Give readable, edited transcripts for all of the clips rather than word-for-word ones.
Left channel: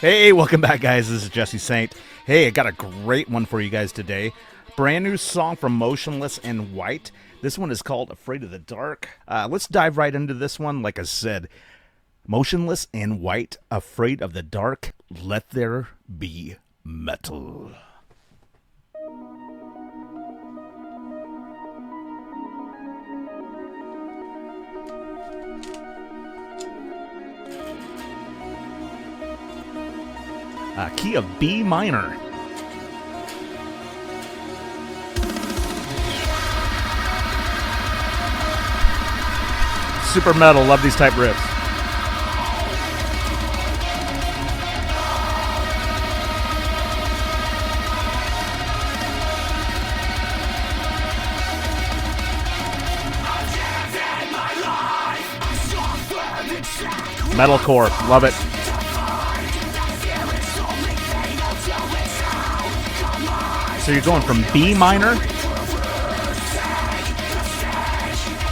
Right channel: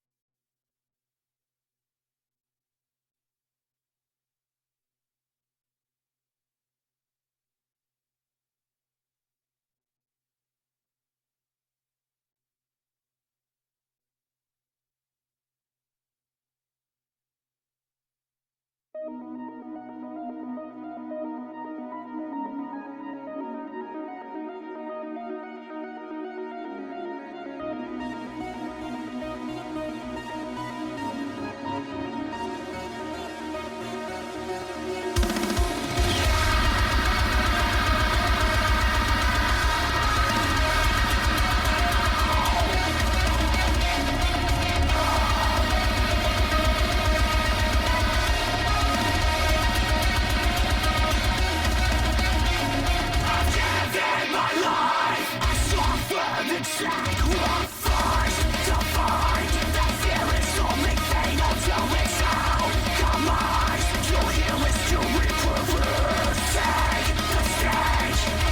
Hey, welcome back, guys. This is Jesse Saint. Hey, I got a great one for you guys today. Brand new song from Motionless in White. This one is called Afraid of the Dark. Let's dive right into this one. Like I said, Motionless in White, Afraid of the Dark. Let there be metal. Key of B minor. Super metal, love these type riffs. Metalcore, love it. So you're going from B minor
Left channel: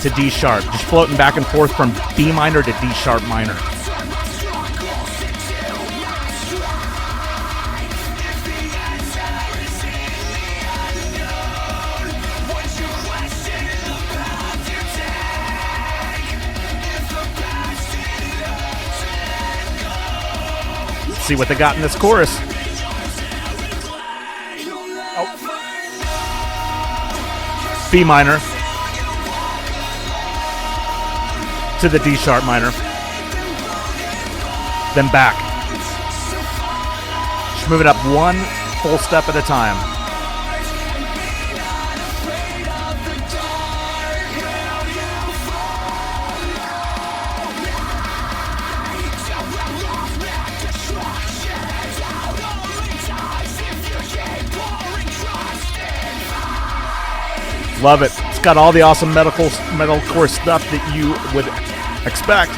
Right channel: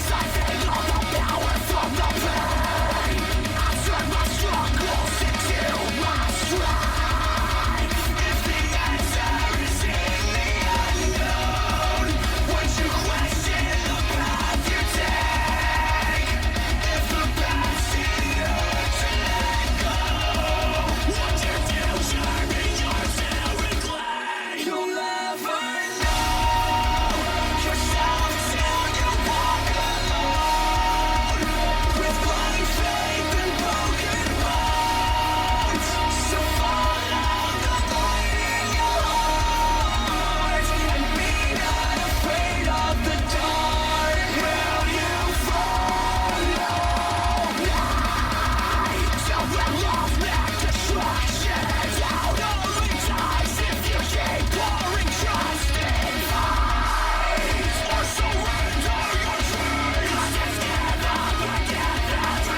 to D sharp, just floating back and forth from B minor to D sharp minor. See what they got in this chorus. B minor to the D sharp minor, then back. Just moving up one full step at a time. Love it. It's got all the awesome metalcore stuff that you would expect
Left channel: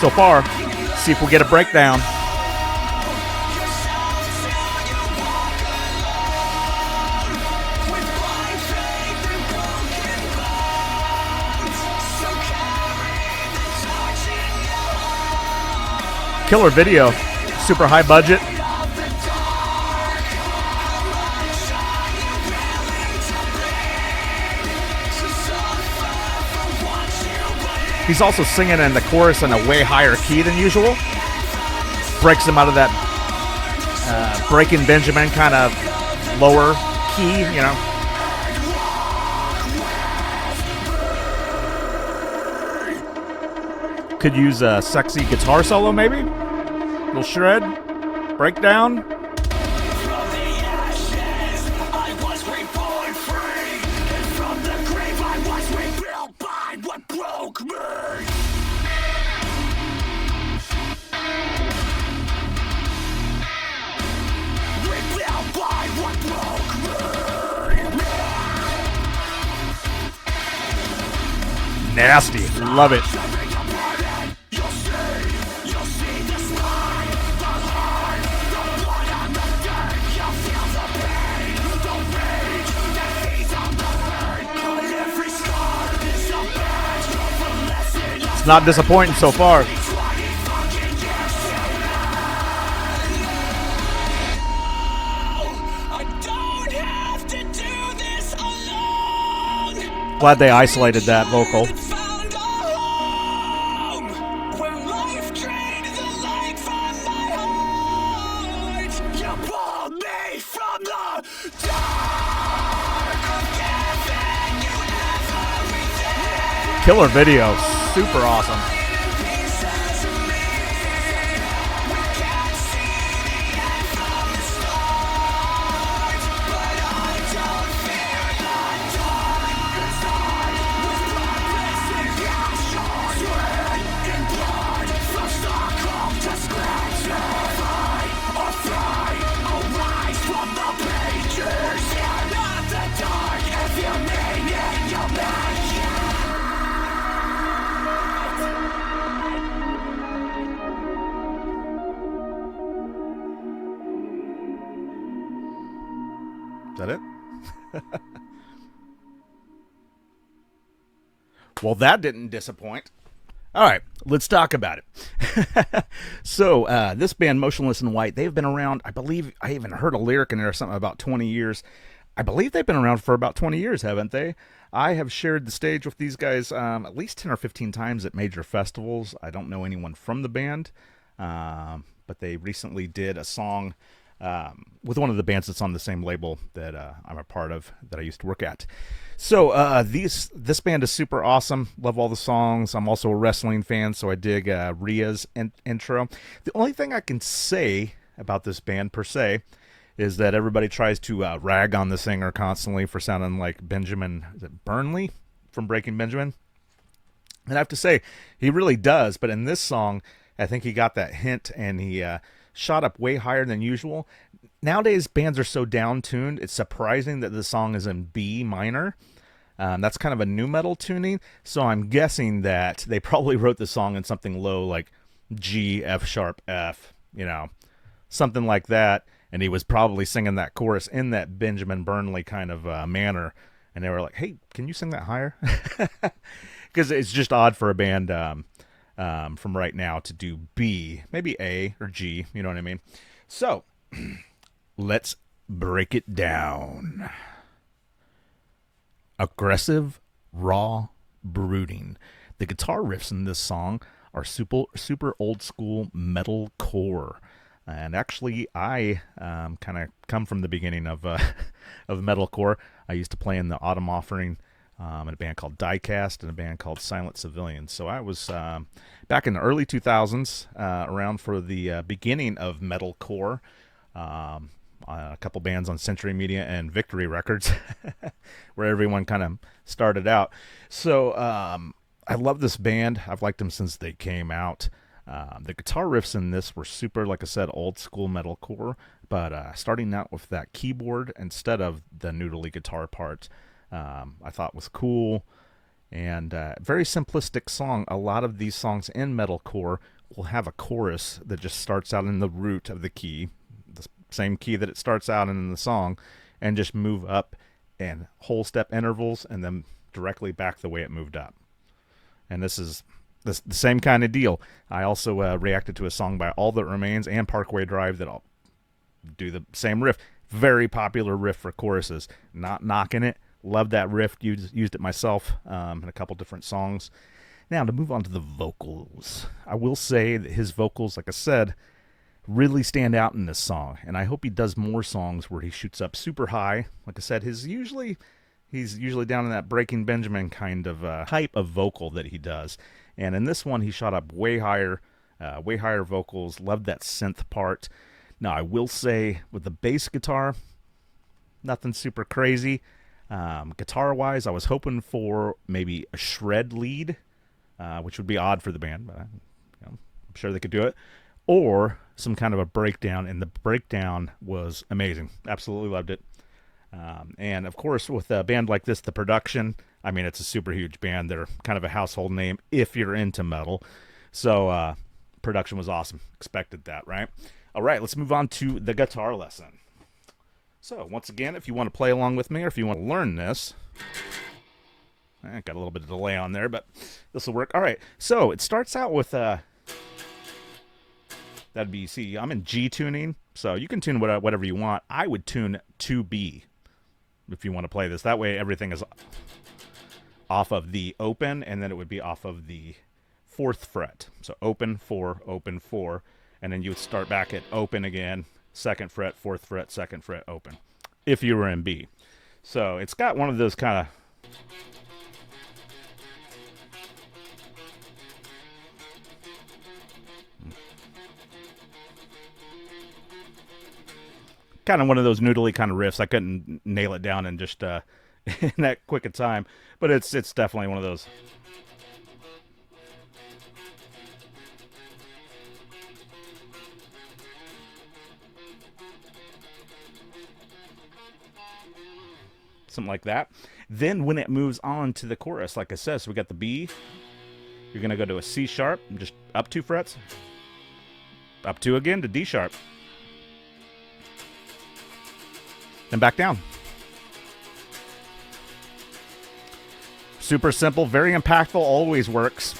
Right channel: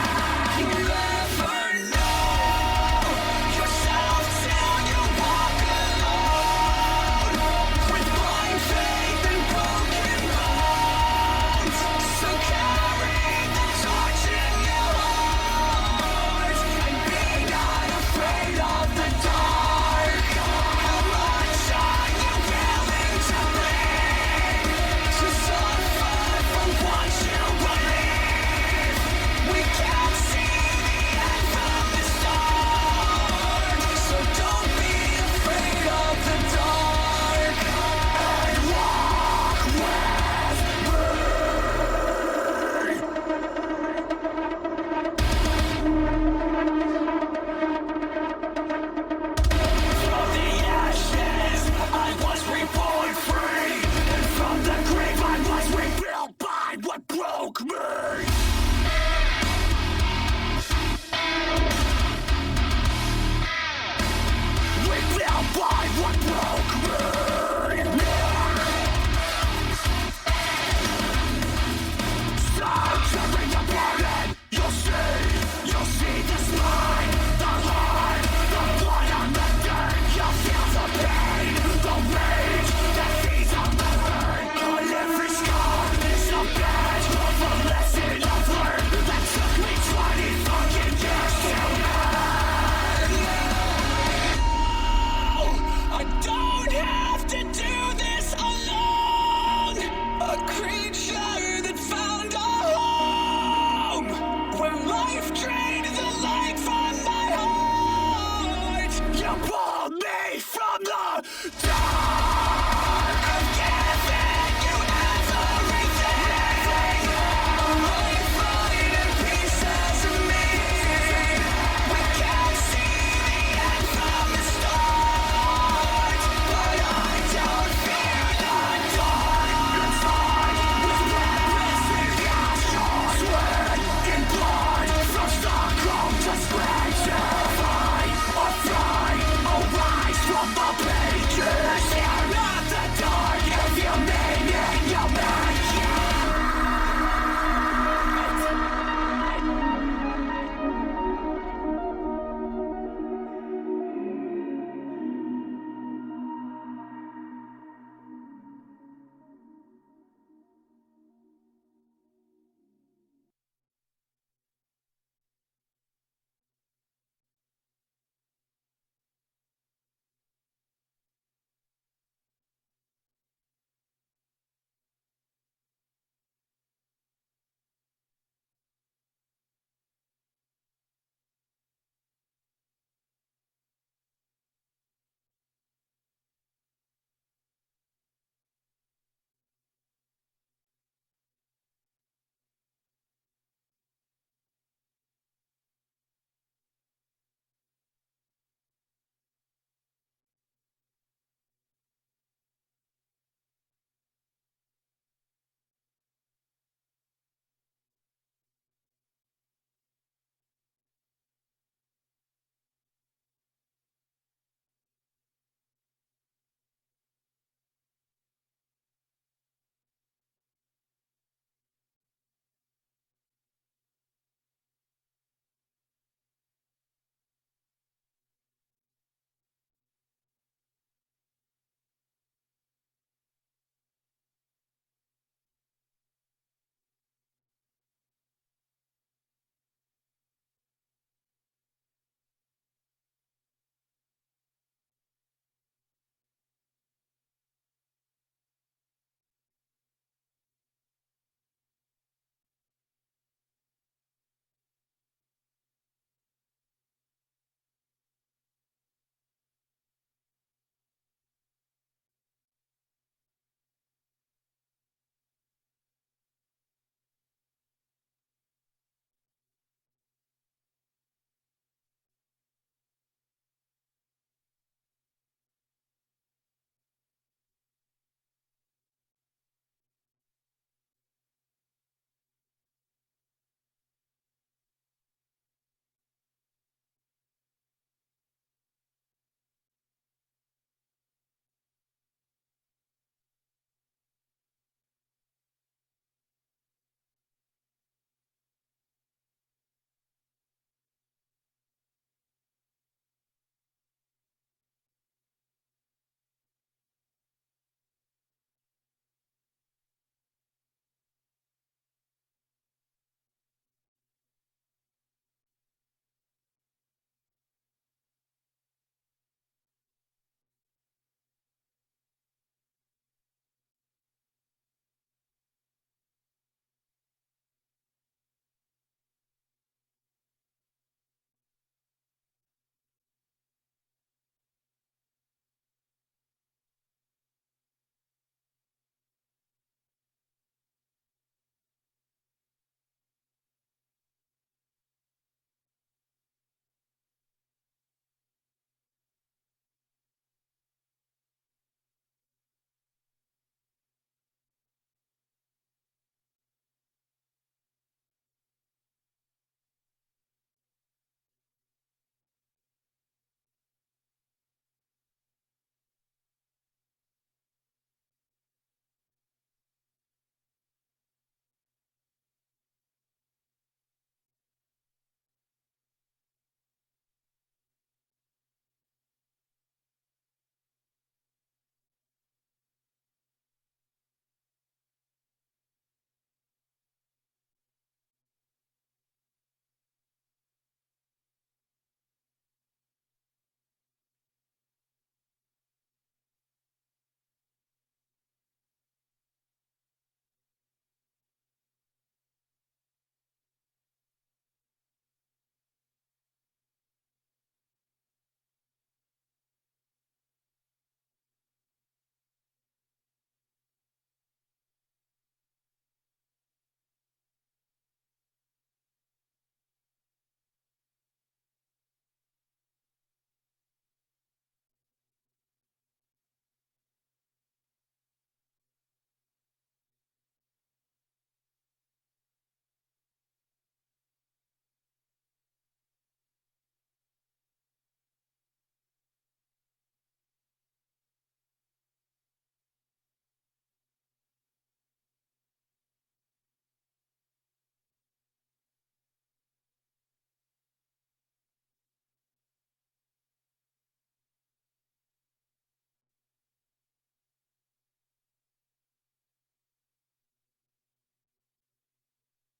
so far. See if we'll get a breakdown. Killer video. Super high budget. He's also singing in the chorus in a way higher key than usual. Breaks him out of that Breaking Benjamin kind of lower key, you know. Could use a sexy guitar solo, maybe? Little shred, breakdown. From the ashes, I was reborn free, and from the grave I was rebuilt by what broke me. Rebuilt by what broke me. Nasty, love it. You'll see the spine, the heart, the blood on the dirt. You'll feel the pain, the rage that feeds on the hurt. On every scar is a badge of a lesson. It's not disappointing so far. I don't have to do this alone. Glad they isolated that vocal. Found a home where life drained the light from my heart. You pulled me from the dark. I've given you everything. Killer video, super awesome. Pieces of me. We can't see the end from the start, but I don't fear the dark. Inside, with purpose and passion, sweat and blood, from Stockholm to Scranton. Fight or fly, arise from the pages. Fear not the dark, if you mean it, you'll make it. Is that it? Well, that didn't disappoint. All right, let's talk about it. So, this band, Motionless in White, they've been around, I believe, I even heard a lyric in there or something about 20 years. I believe they've been around for about 20 years, haven't they? I have shared the stage with these guys at least 10 or 15 times at major festivals. I don't know anyone from the band, but they recently did a song with one of the bands that's on the same label that I'm a part of that I used to work at. So this band is super awesome. Love all the songs. I'm also a wrestling fan, so I dig Rhea's intro. The only thing I can say about this band per se is that everybody tries to rag on the singer constantly for sounding like Benjamin, is it Burnley from Breaking Benjamin? And I have to say, he really does. But in this song, I think he got that hint and he shot up way higher than usual. Nowadays, bands are so down tuned, it's surprising that the song is in B minor. That's kind of a new metal tuning. So I'm guessing that they probably wrote the song in something low like G, F sharp, F, something like that. And he was probably singing that chorus in that Benjamin Burnley kind of manner. And they were like, hey, can you sing that higher? Because it's just odd for a band from right now to do B, maybe A or G, you know what I mean? So let's break it down. Aggressive, raw, brooding. The guitar riffs in this song are super old school metalcore. And actually, I kind of come from the beginning of of metalcore. I used to play in the Autumn Offering in a band called Diecast and a band called Silent Civilians. So I was back in the early 2000s, around for the beginning of metalcore. A couple bands on Century Media and Victory Records, where everyone kind of started out. So I love this band. I've liked them since they came out. The guitar riffs in this were super, like I said, old school metalcore, but starting out with that keyboard instead of the noodly guitar part, I thought was cool. And very simplistic song. A lot of these songs in metalcore will have a chorus that just starts out in the root of the key, the same key that it starts out in the song, and just move up and whole step intervals and then directly back the way it moved up. And this is the same kind of deal. I also reacted to a song by All That Remains and Parkway Drive that'll do the same riff. Very popular riff for choruses. Not knocking it. Love that riff. Used it myself in a couple different songs. Now, to move on to the vocals. I will say that his vocals, like I said, really stand out in this song. And I hope he does more songs where he shoots up super high. Like I said, he's usually down in that Breaking Benjamin kind of type of vocal that he does. And in this one, he shot up way higher vocals. Loved that synth part. Now, I will say, with the bass guitar, nothing super crazy. Guitar-wise, I was hoping for maybe a shred lead, which would be odd for the band, but I'm sure they could do it. Or some kind of a breakdown, and the breakdown was amazing. Absolutely loved it. And, of course, with a band like this, the production, I mean, it's a super huge band. They're kind of a household name if you're into metal. So production was awesome. Expected that, right? All right, let's move on to the guitar lesson. So once again, if you want to play along with me or if you want to learn this, I got a little bit of delay on there, but this will work. All right, so it starts out with that'd be, see, I'm in G tuning, so you can tune whatever you want. I would tune to B if you want to play this. That way everything is off of the open, and then it would be off of the 4th fret. So open 4, and then you would start back at open again, 2nd fret, 4th fret, 2nd fret, open, if you were in B. So it's got one of those kind of one of those noodly kind of riffs. I couldn't nail it down in just in that quick a time, but it's definitely one of those. Something like that. Then when it moves on to the chorus, like I said, so we got the B. You're going to go to a C sharp, just up 2 frets. Up 2 again to D sharp. And back down. Super simple, very impactful, always works.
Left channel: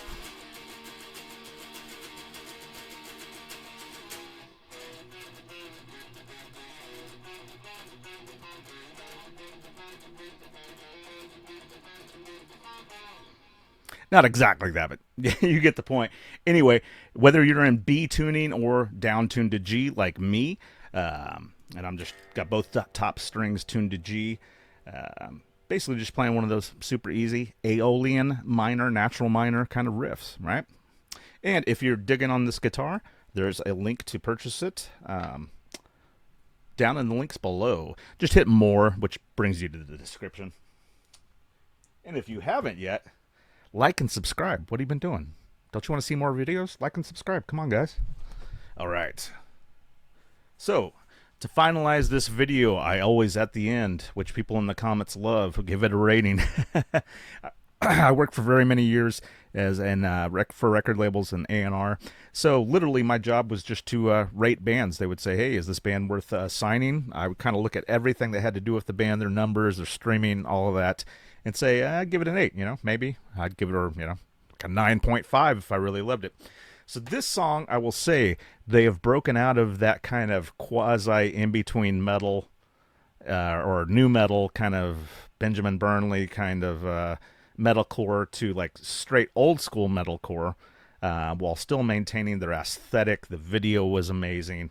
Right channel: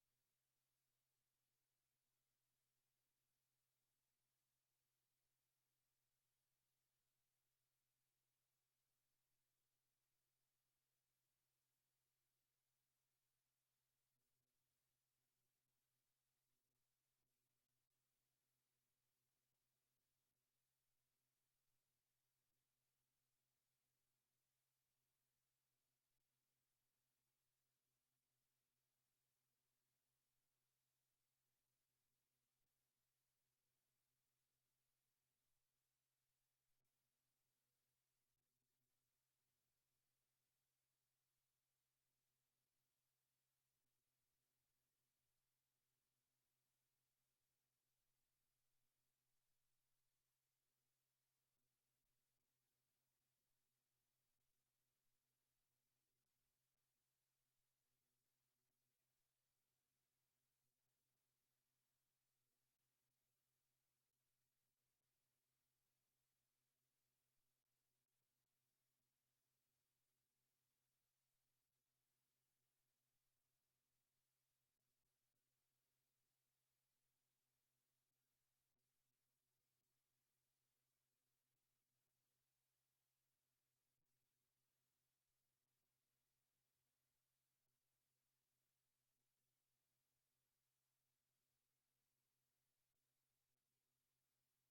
Not exactly that, but you get the point. Anyway, whether you're in B tuning or down tuned to G like me, and I'm just got both top strings tuned to G. Basically, just playing one of those super easy Aeolian minor, natural minor kind of riffs, right? And if you're digging on this guitar, there's a link to purchase it down in the links below. Just hit more, which brings you to the description. And if you haven't yet, like and subscribe. What have you been doing? Don't you want to see more videos? Like and subscribe. Come on, guys. All right. So, to finalize this video, I always at the end, which people in the comments love, give it a rating. I worked for very many years as for record labels and A&R. So literally my job was just to rate bands. They would say, hey, is this band worth signing? I would kind of look at everything that had to do with the band, their numbers, their streaming, all of that, and say, I'd give it an 8, maybe. I'd give it a, like a 9.5 if I really loved it. So this song, I will say, they have broken out of that kind of quasi in-between metal or new metal kind of Benjamin Burnley kind of metalcore to like straight old school metalcore while still maintaining their aesthetic. The video was amazing.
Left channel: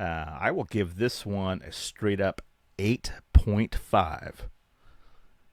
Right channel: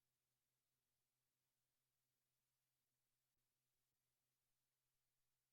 I will give this one a straight up 8.5.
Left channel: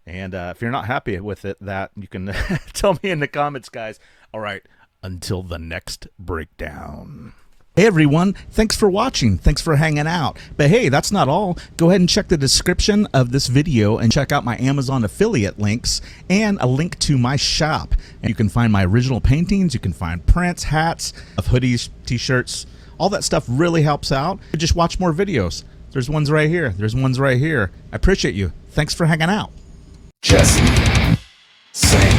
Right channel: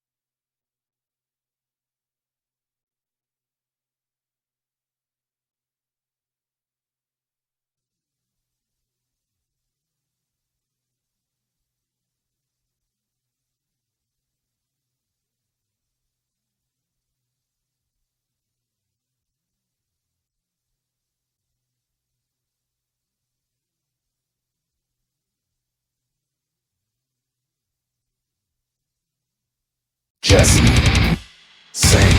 And if you're not happy with it, that you can tell me in the comments, guys. All right. Until the next breakdown. Hey everyone, thanks for watching. Thanks for hanging out. But hey, that's not all. Go ahead and check the description of this video and check out my Amazon affiliate links and a link to my shop. And you can find my original paintings, you can find prints, hats, hoodies, t-shirts. All that stuff really helps out. Just watch more videos. There's ones right here. There's ones right here. I appreciate you. Thanks for hanging out. Jesse Saint.